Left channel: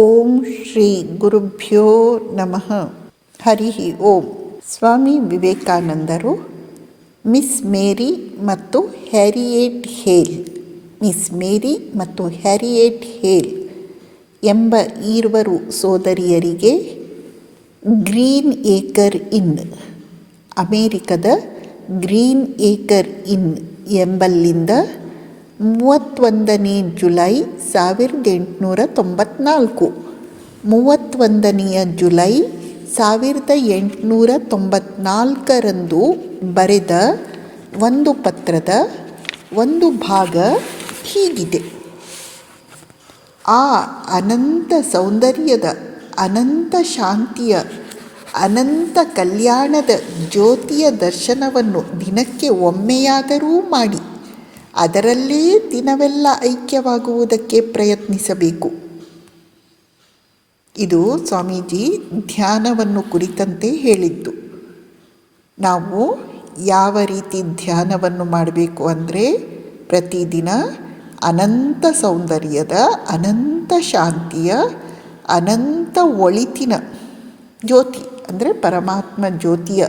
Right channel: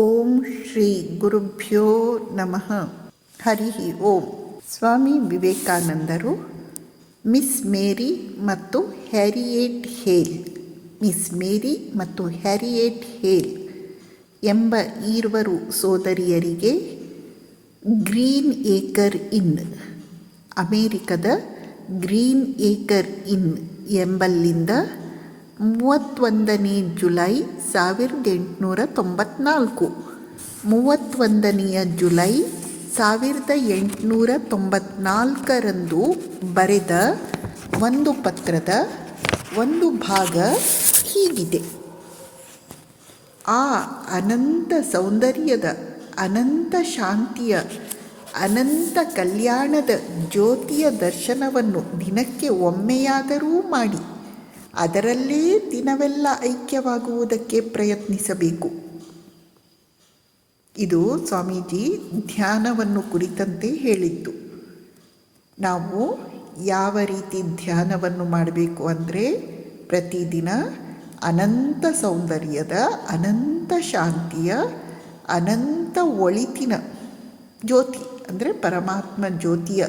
ಓಂ ಶ್ರೀ ಗುರುಭ್ಯೋ ನಮಃ. ಹರಿ ಓಂ. ಸ್ವಾಮಿ ವಿವೇಕಾನಂದರು ಮಿಸ್ ಮೇರಿ ಮತ್ತು ಹ್ಯಾರಿಯೆಟ್ ಹೇಲ್, ಮಿಸ್ ಮೇರಿ ಮತ್ತು ಹ್ಯಾರಿಯೆಟ್ ಹೇಲ್ ಎಂಬ ಈರ್ವರು ಸೋದರಿಯರಿಗೆ ಗ್ರೀನ್ ಏಕರ್ ಇನ್, ಅಮೇರಿಕದ ಗ್ರೀನ್ ಏಕರ್ ಇನ್ ಎಂಬಲ್ಲಿಂದ 31ನೇ ಜುಲೈ 1894, 31ನೇ ಜುಲೈ 1894ರಂದು ಬರೆದ ಒಂದು ಪತ್ರದ ಒಂದು ಭಾಗ ಹೀಗಿದೆ. ಆ ಅನಂತ ಸೌಂದರ್ಯದ, ಅನಂತ ಶಾಂತಿಯ, ಅನಂತ ಕಲ್ಯಾಣದ ಜ್ಯೋತಿಯ ದರ್ಶನವನ್ನು ದಿನಕ್ಕೆ ಒಮ್ಮೆಯಾದರೂ ಮಾಡಿ ಅದರಲ್ಲೇ ದಿನವೆಲ್ಲ ಐಕ್ಯವಾಗುವುದಕ್ಕೆ ಪ್ರಯತ್ನಿಸಬೇಕು. ಇದು ಸ್ವಾಮೀಜಿ ಧ್ಯಾನವನ್ನು ಕುರಿತಂತೆ ಹೇಳಿದ್ದು. ನಾವು ಯಾವ ರೀತಿ ಧ್ಯಾನವನ್ನು ಮಾಡಬೇಕು ಅಂದರೆ, ಪ್ರತಿದಿನ ಅನಂತ ಸೌಂದರ್ಯದ, ಅನಂತ ಶಾಂತಿಯ, ಅನಂತ ಒಳಿತಿನ ಜ್ಯೋತಿ ಅಂದರೆ ಪರಮಾತ್ಮ ಜ್ಯೋತಿಯ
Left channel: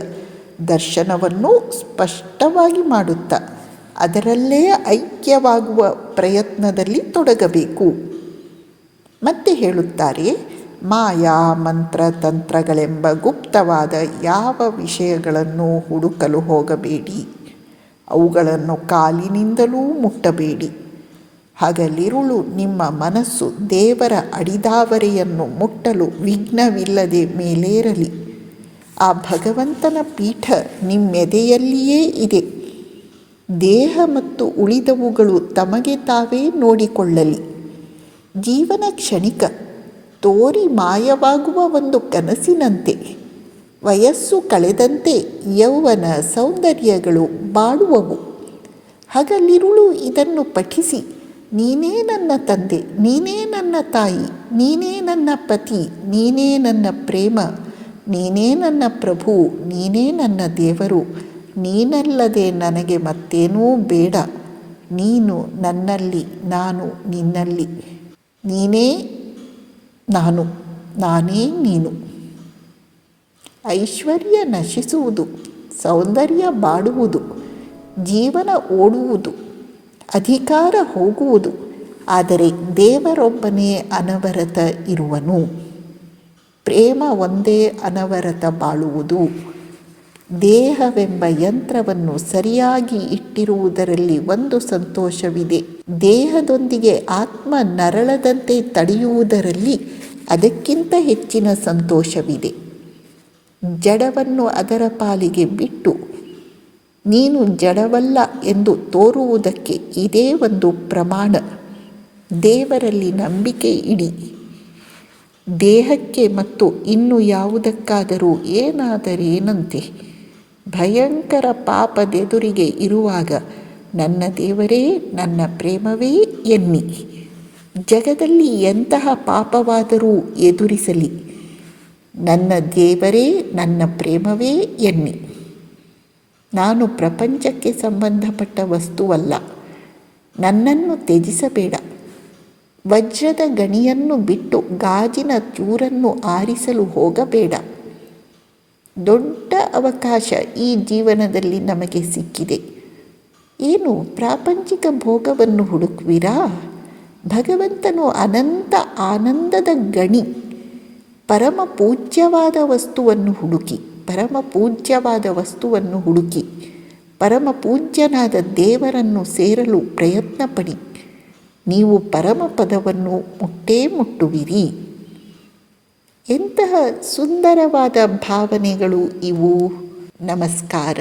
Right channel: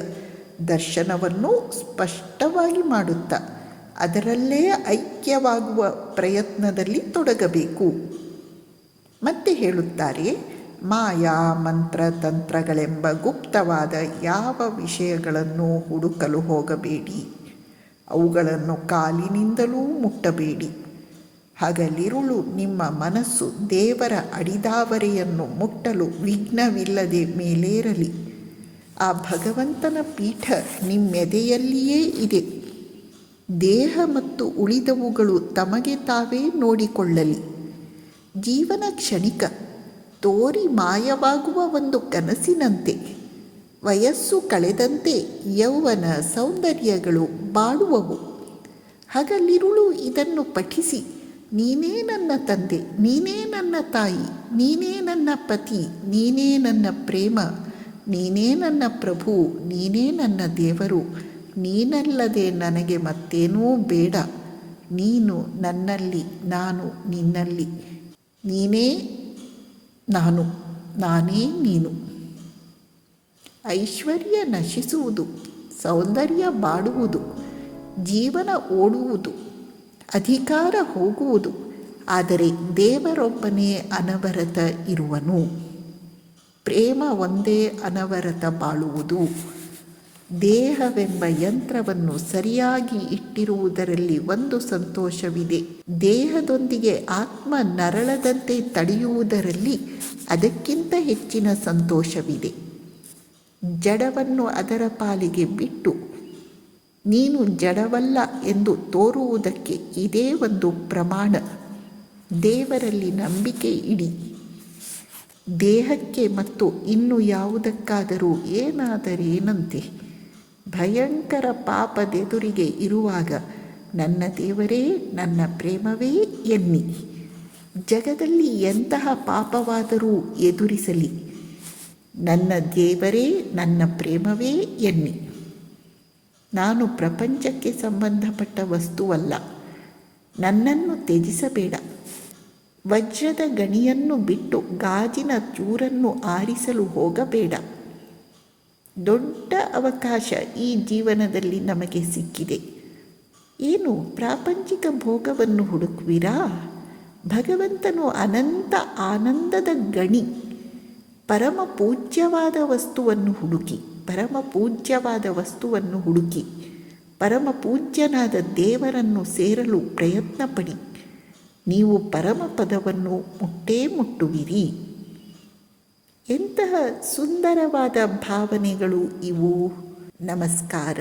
ದರ್ಶನವನ್ನು ಸ್ಪಷ್ಟವಾಗಿ ಮಾಡುತ್ತಾ ಅದರಲ್ಲೇ ಐಕ್ಯವಾಗುವ ಪ್ರಯತ್ನದಲ್ಲಿ ತೊಡಗಬೇಕು. ಮತ್ತೆ ಹೇಳುತ್ತಾರೆ, ಮಾಯಾ ಮಂತ್ರ ತಂತ್ರಗಳೆಂಬ ಗುಪ್ತವಾದ ಯಾವ ವಿಷಯಗಳನ್ನು ಹುಡುಕಲು ಹೋಗಬೇಡಿ, ಅವುಗಳನ್ನು ಕಾಲಿನಿಂದಲೂ ಮುಟ್ಟಬೇಡಿ. ಹಗಲಿರುಳು ನಿಮ್ಮ ಮನಸ್ಸು ದೇವರ ಅಡಿದಾವರೆಯನ್ನು ಮುಟ್ಟಲು ವಿಘ್ನವಿಲ್ಲದೆ ಮೇಲೇರಲಿ. ಆ ಭಗವಂತನ ಪೀಠ ನಿಮ್ಮೆದೆಯಲ್ಲಿಯೇ ಇದೆ. ದೇಹ ಮತ್ತು ಉಳಿದವುಗಳು ತಮಗೆ ತಾವೇ ನೋಡಿಕೊಳ್ಳಲಿ. ಜೀವನ ಕ್ಷಣಿಕ, ತೋರಿ ಮಾಯವಾಗುವ ಒಂದು ಕನಸಿನಂತೆ. ವಯಸ್ಸು ಕಳೆದಂತೆ ಯೌವನ ಸೌಂದರ್ಯಗಳು ಬಾಡುವವು. ಹಗಲಿರುಳು ಇದನ್ನು ಪಠಿಸಿ, ನೀನೇ ನನ್ನ ತಂದೆ, ನೀನೇ ನನ್ನ ತಾಯಿ, ನೀನೇ ನನ್ನ ಪತಿ, ನೀನೇ ನನ್ನ ಪ್ರೇಮ, ನೀನೇ ನನ್ನ ಪ್ರಭು, ನೀನೇ ನನ್ನ ದೇವರು, ನೀನಲ್ಲದೆ ನನಗೆ ಮತ್ತೇನೂ ಬೇಡ, ನೀನು ನನ್ನಲ್ಲಿ, ನಾನು ನಿನ್ನಲ್ಲಿ, ನೀನೇ ನಾನು, ನಾನೇ ನೀನು. ಐಶ್ವರ್ಯ ನಶಿಸುವುದು, ಸೌಂದರ್ಯ ಬಾಡುವುದು, ಜೀವನ ಓಡುವುದು, ಅಧಿಕಾರ ಹೋಗುವುದು, ಆದರೆ ದೇವರೊಬ್ಬನೇ ಅನವರತ ಇರುವನು. ಪ್ರೇಮ ಒಂದೇ ಅನವರತ ಬಾಳುವುದು. ದೇಹವೆಂಬ ಯಂತ್ರವನ್ನು ಸರಿಯಾಗಿ ಇಟ್ಟಿರುವುದರಲ್ಲಿ ಒಂದು ಸಂತೋಷವಿದೆ. ದೇಹದೊಂದಿಗೆ ಆತ್ಮ ನರಳದಂತೆ ತಡೆಯುವುದರಲ್ಲಿ ಅದಕ್ಕಿಂತ ಹೆಚ್ಚಿನ ಸಂತೋಷವಿದೆ. ಜಡವನ್ನು ಅದರ ಪಾಲಿಗೆ ಬಿಟ್ಟು ನೀನು ಜಡವಲ್ಲ ಎಂದು ತೋರುವುದಕ್ಕೆ ಇದೇ ಒಂದು ಪ್ರಮಾಣ. ದೇವರಲ್ಲಿ ನಂಬಿಕೆ ಇಡಿ. ದೇಹಕ್ಕೆ ಮತ್ತು ಇನ್ನು ಯಾವುದಕ್ಕಾದರೂ ಏನಾದರೇನಂತೆ ಭಯಂಕರ ಪಾಪದೆದುರಿಗೆ ಇರುವಾಗ ನನ್ನ ದೇವರೇ, ನನ್ನ ಪ್ರೇಮವೇ ಎನ್ನಿ. ಜಗದಲ್ಲಿ ಎಂತಹ ಪಾಪವಾದರೂ ಎದುರಿಸಲಿ, ನನ್ನ ದೇವರೇ, ನನ್ನ ಪ್ರೇಮವೇ ಎನ್ನಿ. ನಾನು ಪ್ರಪಂಚಕ್ಕೆ ಸಂಬಂಧಪಟ್ಟ ವಸ್ತುವಲ್ಲ. ನನ್ನನ್ನು ತ್ಯಜಿಸಬೇಡ. ವಜ್ರದ ಗಣಿಯನ್ನು ಬಿಟ್ಟು ಗಾಜಿನ ಚೂರನ್ನು ಆರಿಸಲು ಹೋಗಬೇಡ. ದೊಡ್ಡ ಅವಕಾಶ ಈ ಜೀವನದಲ್ಲಿ ನಮಗೆ ಸಿಕ್ಕಿದೆ. ಏನು ಪ್ರಾಪಂಚಿಕ ಭೋಗವನ್ನು ಹುಡುಕುವಿರಾ? ಭಗವಂತನು ಅನಂತ ಆನಂದದ ಗಣಿ. ಪರಮ ಪೂಜ್ಯವಾದ ವಸ್ತುವನ್ನು ಹುಡುಕಿ, ಪರಮ ಪೂಜ್ಯವಾದ ವಸ್ತುವನ್ನು ಹುಡುಕಿ, ಪರಮ ಪೂಜ್ಯನಾದ ದೇವರನ್ನು ಸೇರಲು ಪ್ರಯತ್ನ ಪಡಿ. ನೀವು ಪರಮ ಪದವನ್ನು ಮುಟ್ಟೇ ಮುಟ್ಟುವಿರಿ. ಎಂತಹ ಸುಂದರವಾದ ಭಾವನೆಗಳು ಇವು. ನಮಸ್ಕಾರ.